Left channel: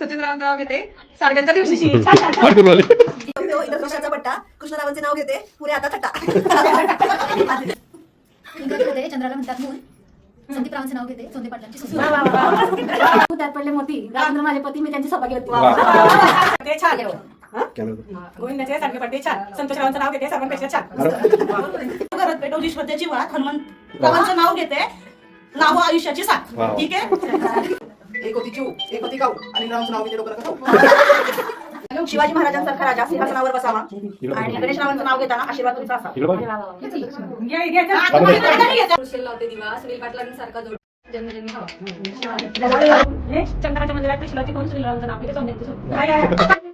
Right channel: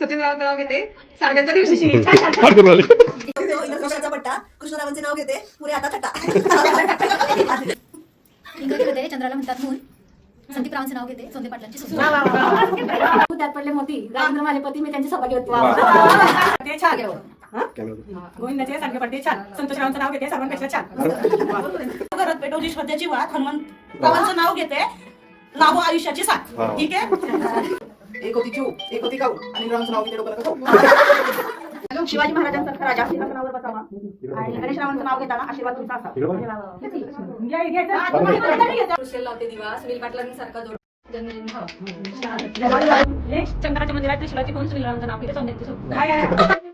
सत्यनारायण नाव घेते साड्यांच्या दिवशी पट्टा कृष्णरावांचे नाव घेते पुरे आता थट्टा इंग्रजीमध्ये चंद्राला म्हणतात मूल. संदीपरावांचे नाव घेते सोंदे पाटलांची सुसू. त्यात पडले मोती राजेंद्र माझे पती मी त्यांची सौभाग्य होती. ते छान गोविंदाचे चांगले पडते छान. संतोषरावांचं नाव घेते सर्वांपेक्षा छान. घरात पेटवली श्रद्धेची वाट हनुमंतरावांचं नाव घेते लाभो आयुष्याची साथ. ठीक आहे. एक होती चिऊ एक होती काऊ आणि रावांचं नाव घेते डोक्याला खाऊ. शिवाजी महाराजांसारखा राजा सिंहासनावर बसावा आणि गणेशरावांचं नाव घेताना आशीर्वाद तुमचा असावा. लावते दिवा सुनील पाटलांसारखा जोड जन्मदिन चंद्राच्या मंदिरात त्रिशूलाची कोण सुनील रावांचं नाव घेते सोन्याची